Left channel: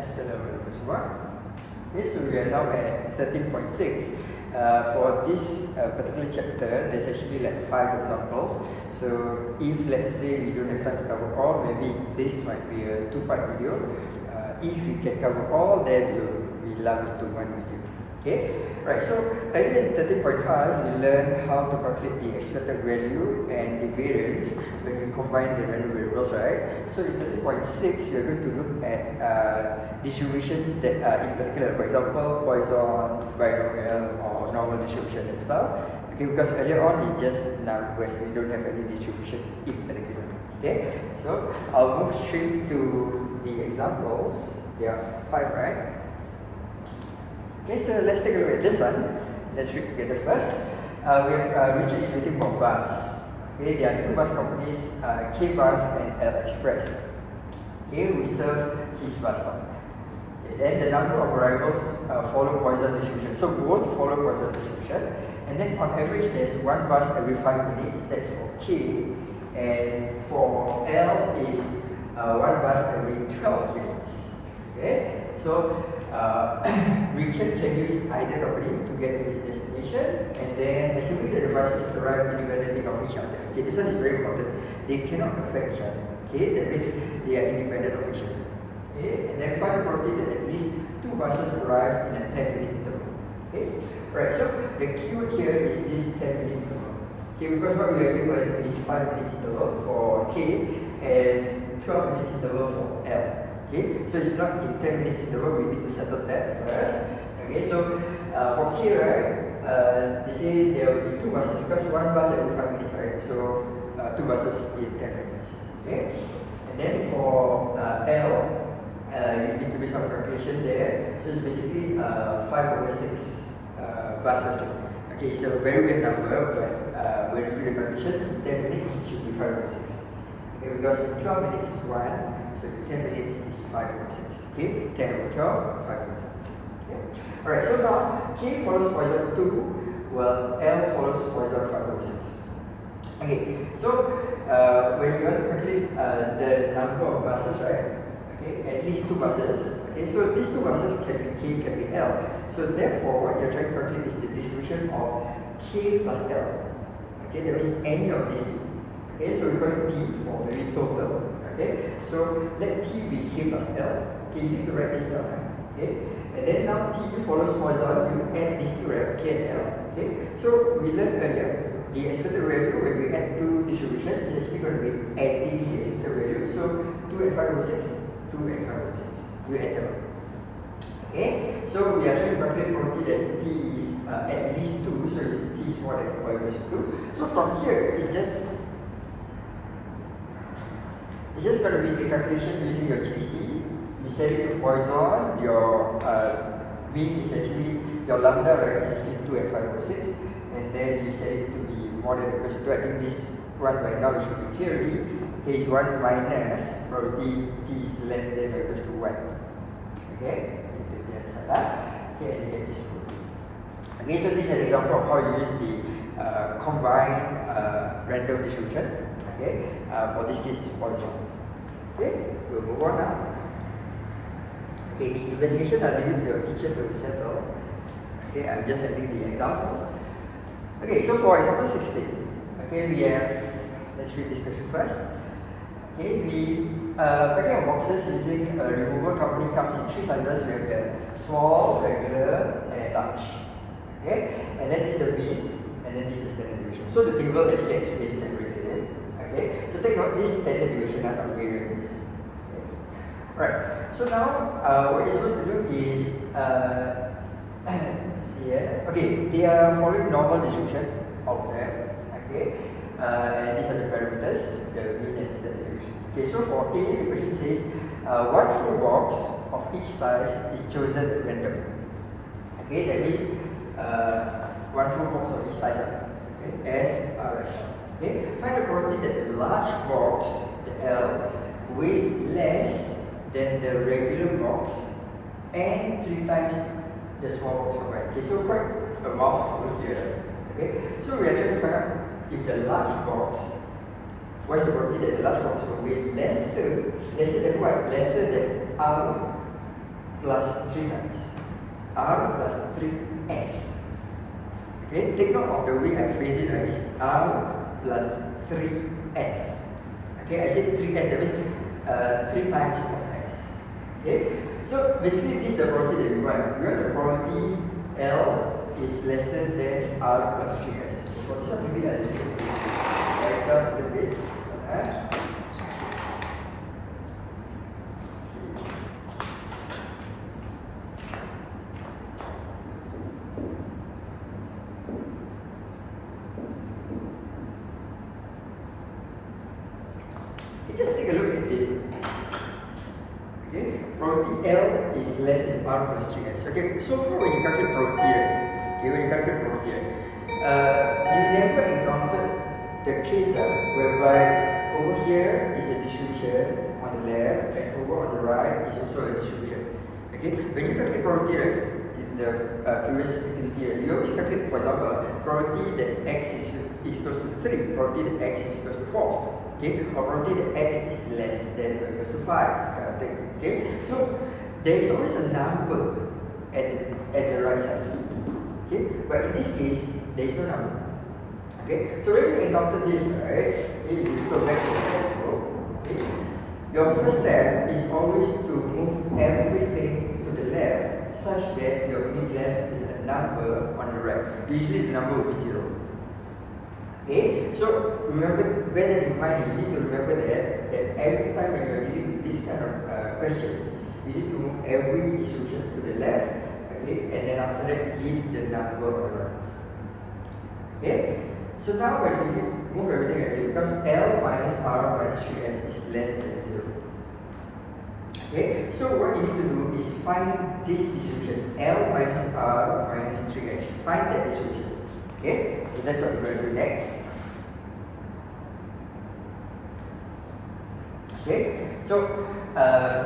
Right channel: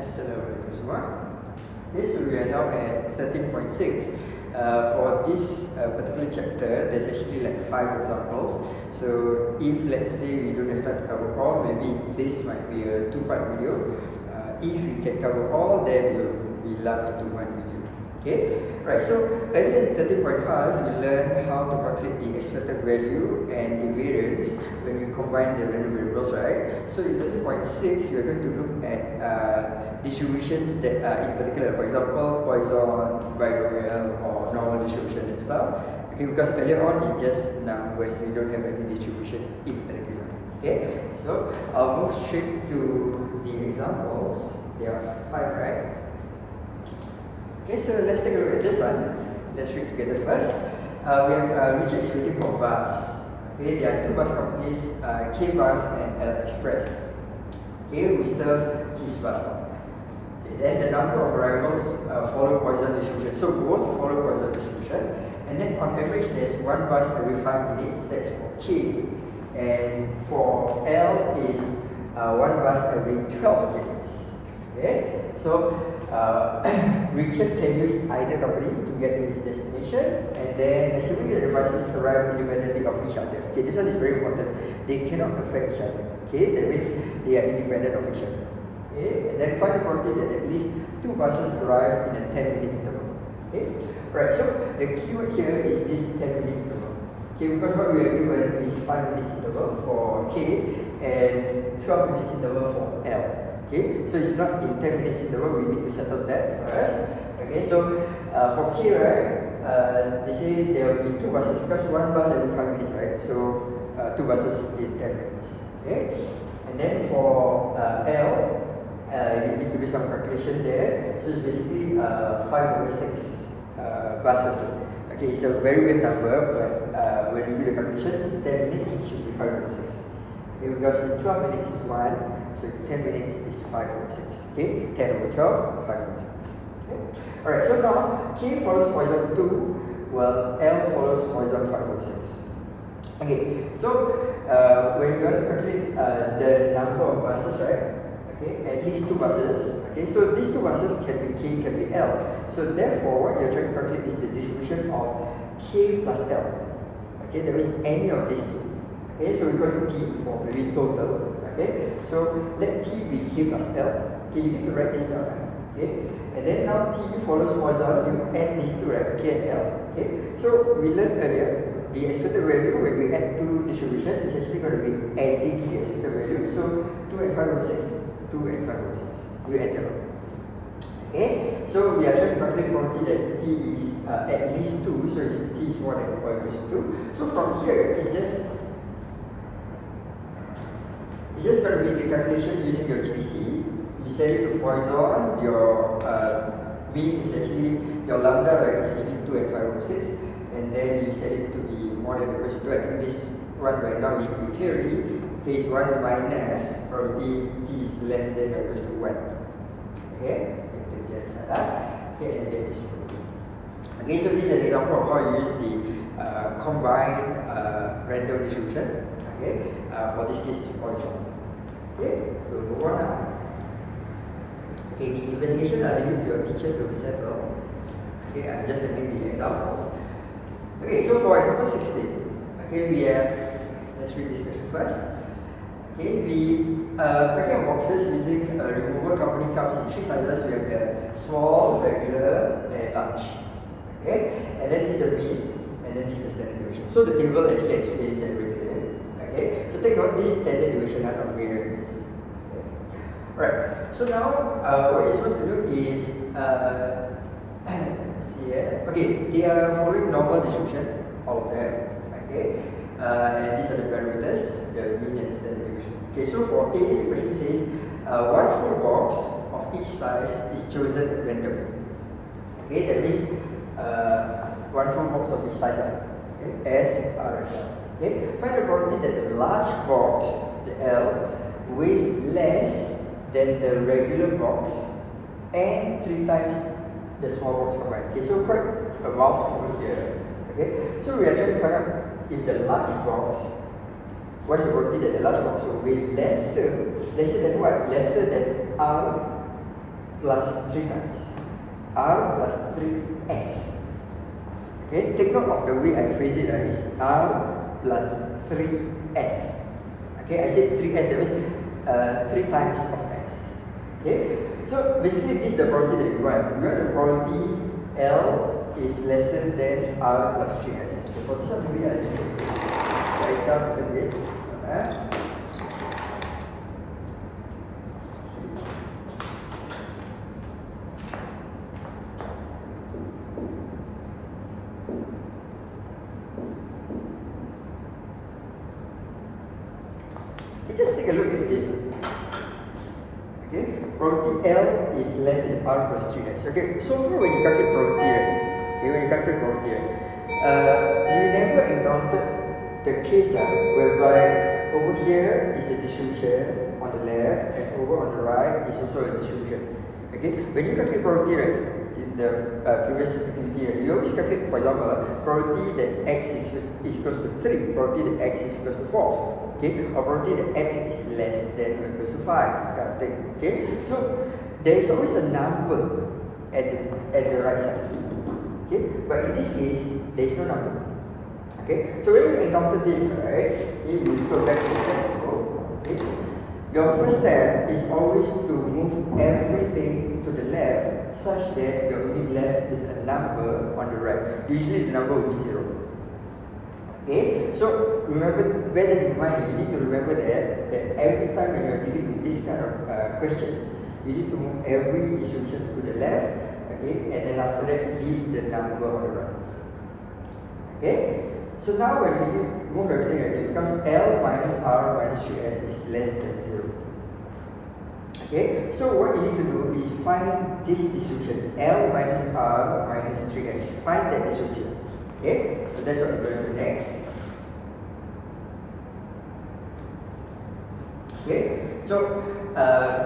Assalamualaikum semua. Okay, so we are now at 13.6. For this particular chapter, there's actually like 5 examples. So if let's say we don't have time to cover all, maybe this might be a 2-part video. If we can cover all, then we lump into one video. Okay, right. So earlier in 13.5, we learned how to calculate the expected value and the variance when we combine the random variables, right? So in 13.6, we are going to look at distributions that are in particular, for example, Poisson, binomial, or normal distribution and stuff. Okay, because earlier on it's just numbers, we don't have any distribution in particular. Okay, so I'll move straight to the examples. There are 5, right? Okay, so let's take a look at this one. Let's read together first. We have Richard is waiting for a bus. Okay, there are 2 bus companies, K Bus and L Express. Okay, who serve his bus stop. Okay, then the number of arrivals follow Poisson distribution. So both follow Poisson distribution. And then on average, there's 1 bus every 5 minutes. That's for K. And for L is 1 bus every 12 minutes. Okay, so Richard can use either company to get to his destination, and then assuming the buses arrive independently of each other. Okay, this one is very important. They cannot affect each other. Okay, that means they are independent of each other. Okay, and then find the probability that at least 2 buses arrive in a 10-minute interval. Okay, right. So the keyword here is this 10-minute interval. Okay, because what we are given is 5 minutes interval for K and 12 minutes interval for L. Okay, so it's not in 10 minutes interval, we need to settle that first. Okay, so for K, right, they say there will be 2 buses because 1 bus every 5 minutes, right? So 2 buses in 10 minutes. Okay, and then for L, you need to do some calculation there. So it's basically 5/6 buses. Okay, it's a very weird number, but when you do the calculation, in 10 minutes it should be 5/6. Okay, because in 12 minutes is 1. So 10 minutes is 5/6. Okay, 10/12, 5/6. Okay. Alright, so now K follows Poisson 2, while L follows Poisson 5/6. Okay, so when you want to calculate the number of buses, right? Okay, at least 2 buses. Okay, so these 2 buses can be K, can be L. So therefore, what you're trying to calculate is the distribution of K plus L. Okay, that means any of these 2. Okay, so we call it T for maybe total. Okay, so let T be K plus L. Okay, you need to write this down, right? Okay, and then now T follows Poisson, you add these 2, right? K and L. Okay, so we learned earlier the expected value when we add 2 distribution is actually going to be adding the expected value. So 2 and 5/6, 2 and 5/6. You add them up. Okay, so we are trying to calculate probability that T is at least 2, so T is more than or equals to 2. So from here, it's just going to be the calculation using your GPC. You set it to Poisson, your mean is actually, your lambda, right, is actually 2 and 5/6, and then you set it to be more than or equals to 2. I think this one right now it should be clearly K is 1 minus probably T is less than or equals to 1. Okay, you take the other side. Okay, and you get this probability. Okay, so this is an example of how you use the combined random distribution. Okay, for this case it's Poisson. Okay, we'll move on now. Okay, the investigation I'll leave it to your teacher to settle. Okay, I'm just handling the examples. Okay, so for example 16, okay, we have, let's read this question first. Okay, packing of boxes using a removal company comes in 3 sizes. We have the small, regular, and large. Okay, and then this is the mean, and then this is the standard deviation. So the table actually explains everything. Okay, so take note this standard deviation, not variance. Okay. Right. So now what you're supposed to do is see here. Okay, they are following normal distribution, all of them. Okay, and these are the parameters, the mean and the standard deviation. Okay, so for A, the question says 1 full box of each size is chosen randomly. Okay, that means 1 full box of each size. Okay, S like that. Okay, find the probability that the large box, the L, weighs less than the regular box and 3 times the small box combined. Okay, so quite a mouthful here. Okay, so we are trying to find out if the large box, what's the probability that the large box will weigh lesser than what? Lesser than R plus 3 times. R plus 3S. Okay, take note of the way I phrase it is R plus 3S. Okay, I said 3S, that means 3 times of S. Okay, so basically this is the probability that you want. You want the probability L is lesser than R plus 3S. So for this one, maybe I should write it down a little bit. Just take a look at this. Okay, probability L is less than R plus 3S. Okay, so far when you calculate probability, right? Okay, when you calculate probability, you never encountered the case whereby over here is a distribution on the left and over on the right is also a distribution. Okay, when you calculate probability, right, in the previous activity, right, you always calculate, for example, probability that X is equals to 3, probability that X is equals to 4. Okay, or probability that X is less than or equals to 5, kind of thing. Okay, so there is always a number at the right side. Okay, but in this case, there is no number. Okay, so when you encounter this, right, okay, you go back to the example. Okay, your first step is always to move everything to the left such that you're only left with a number on the right. Usually the number will be 0. Okay, so remember, bear that in mind, you need to remember that every time when you are dealing with this kind of questions, you need to move every distribution to the left, okay, and then after that leave the number on the right. Okay, so now when you move everything, it becomes L minus R minus 3S is less than 0. Okay, so what you need to do is find this distribution, L minus R minus 3S. Find that distribution. Okay, so that's what we're going to do next. Okay, so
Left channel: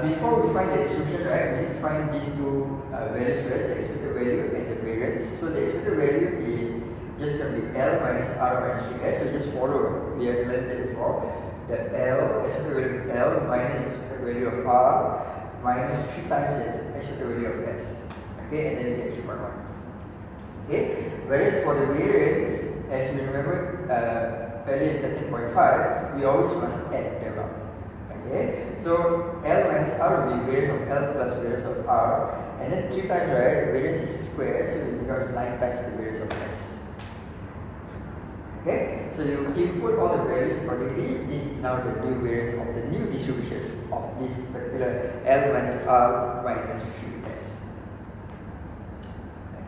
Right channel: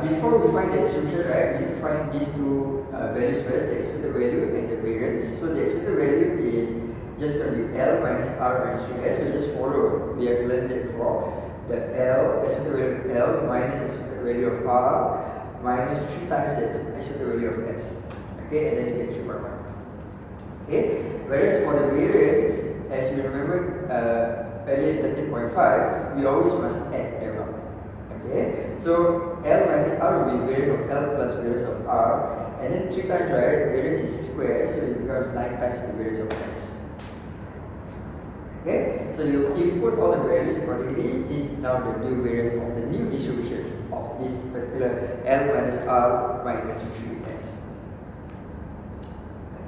before we find the distribution, right, we need to find these two values first, the expected value and the variance. So the expected value is just going to be L minus R minus 3S. So just follow, we have learned that before. The L, expected value of L minus expected value of R minus 3 times the expected value of S. Okay, and then you get 3.1. Okay, whereas for the variance, as you remember earlier in 13.5, we always must add them up. Okay, so L minus R will be variance of L plus variance of R, and then 3 times, right, variance is square, so it becomes 9 times the variance of S. Okay, so you input all the values accordingly. This is now the new variance of the new distribution of this particular L minus R minus 3S.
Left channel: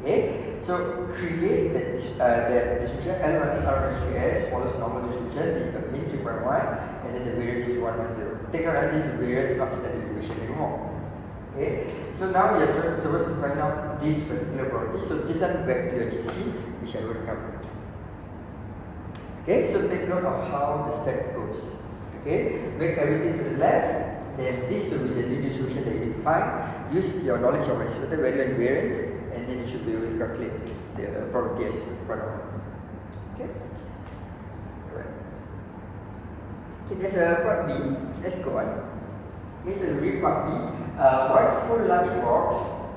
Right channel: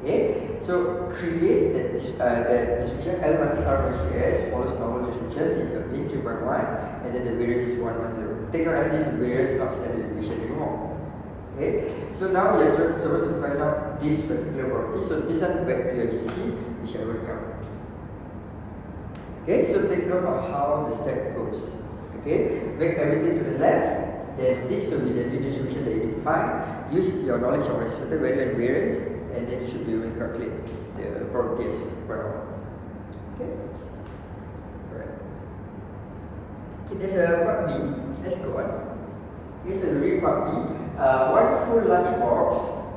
Okay, so create that distribution L minus R minus 3S follows normal distribution. This is the mean 3.1, and then the variance is 110. Take note that this is variance, not standard deviation anymore. Okay, so now you're supposed to find out this particular property. So this one back to your GC, which I will cover. Okay, so take note of how the step goes. Okay, make everything to the left. Then this will be the new distribution that you need to find. Use your knowledge of expected value and variance, and then you should be able to calculate the probability as 1 over 1. Okay? Alright. Okay, there's a part B. Let's go on. Okay, so read part B. 1 full large box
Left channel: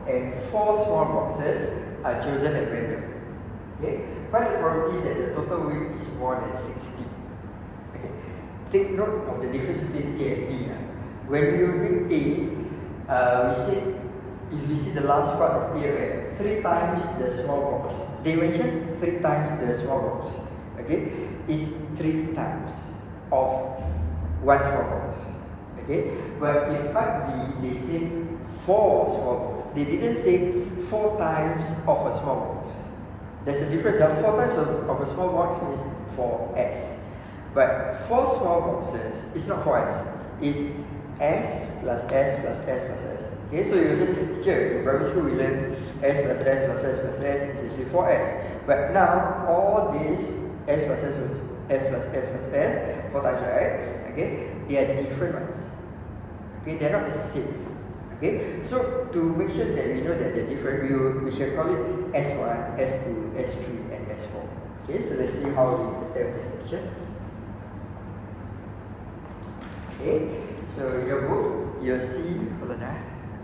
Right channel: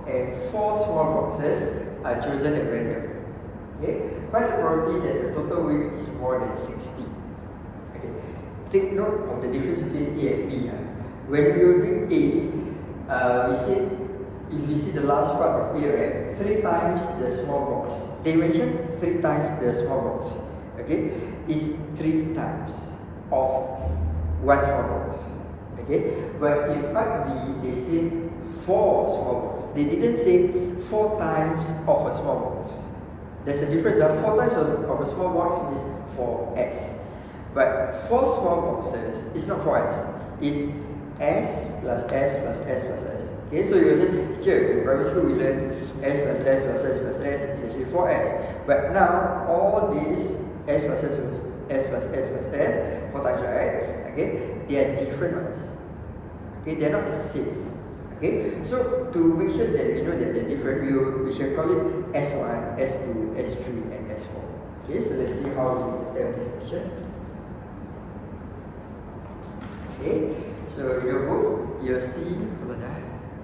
and 4 small boxes are chosen at random. Okay? Find the probability that the total weight is more than 60. Okay. Take note of the difference between A and B. When we were doing A, we said if we see the last part of A, right, 3 times the small box. They mentioned 3 times the small box. Okay, is 3 times of 1 small box. Okay, but in part B, they said 4 small box. They didn't say 4 times of a small box. There's a difference. 4 times of a small box means 4S. But 4 small boxes is not 4S. It's S plus S plus S plus S. Okay, so you will say, teacher, in primary school we learn S plus S plus S plus S is actually 4S. But now, all these S plus S plus S plus S plus S, 4 times, right? Okay, they are different ones. Okay, they are not the same. Okay, so to make sure that we know that they're different, we shall call it S1, S2, S3, and S4. Okay, so let's see how we have this picture. Okay, so in your book, you'll see, hold on,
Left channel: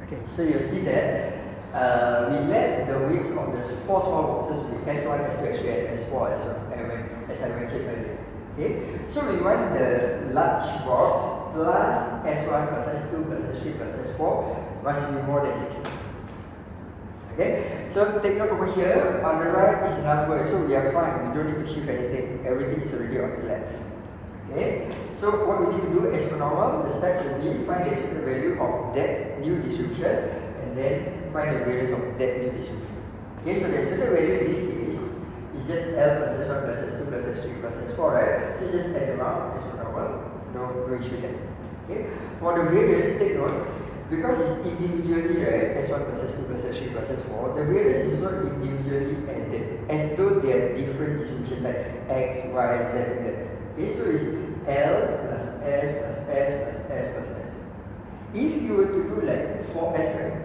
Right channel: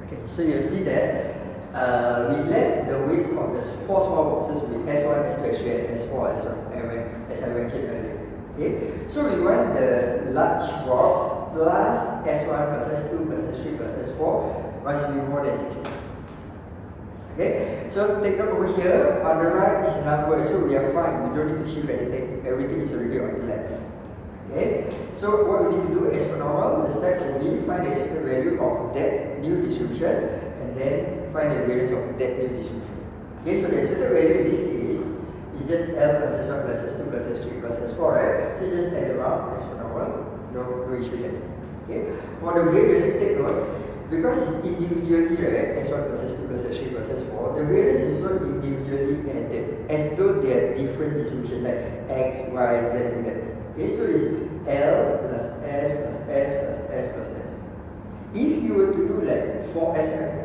Okay, so you'll see that we let the weights of the 4 small boxes with S1, S2, S3, and S4 as I mentioned earlier. Okay, so we want the large box plus S1 plus S2 plus S3 plus S4 must be more than 60. Okay, so take note over here, on the right is a number, so we are fine, we don't need to shift anything, everything is already on the left. Okay, so what we need to do as per normal, the step will be find the expected value of that new distribution and then find the variance of that new distribution. Okay, so the expected value in this case is just L plus S1 plus S2 plus S3 plus S4, right? So just add them up as per normal, no issue there. Okay, for the variance, take note, because it's individually, right, S1 plus S2 plus S3 plus S4, the variance is also individually added as though they are different distributions like X, Y, Z, like that. Okay, so it's L plus S plus S plus S plus S. If you were to do like 4S, right,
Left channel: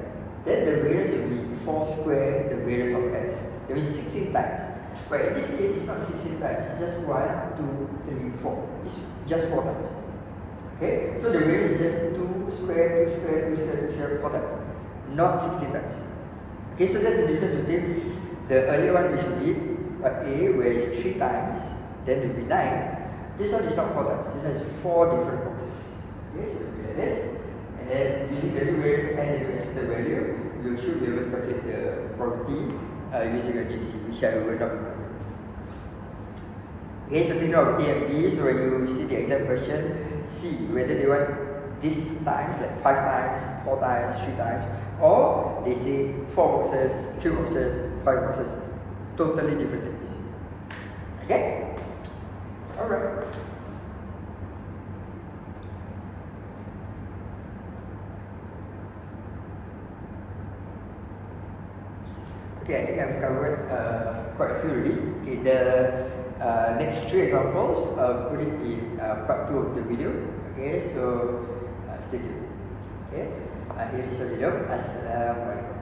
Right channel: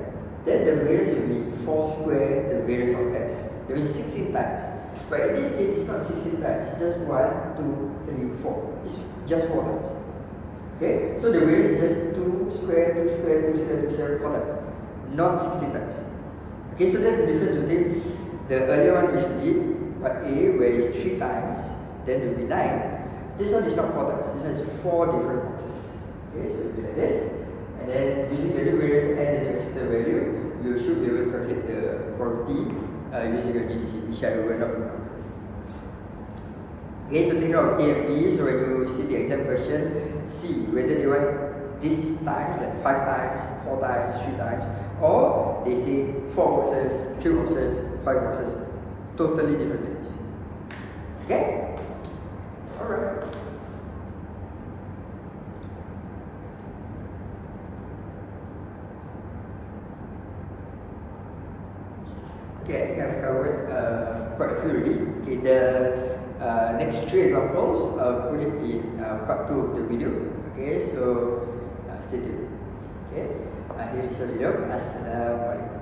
then the variance will be 4 square the variance of S. There is 16 times. But in this case, it's not 16 times, it's just 1, 2, 3, 4. It's just 4 times. Okay, so the variance is just 2 square, 2 square, 2 square, 2 square, 4 times, not 16 times. Okay, so that's the difference between the earlier one which we did, part A, where it's 3 times, then it will be 9. This one is not 4 times, this one is 4 different boxes. Okay, so it will be like this, and then using the new variance and the new expected value, you should be able to calculate the probability using your GC, which I will not be covering. Okay, so take note of A and B, so when you see the exam question, see whether they want this times, like 5 times, 4 times, 3 times, or they say 4 boxes, 3 boxes, 5 boxes, totally different things. Okay? Alright. Okay, I think I've covered quite a few already. Okay, the next 3 examples, I'll put it in part 2 of the video. Okay, so stay tuned. Okay, akhir video. Assalamualaikum.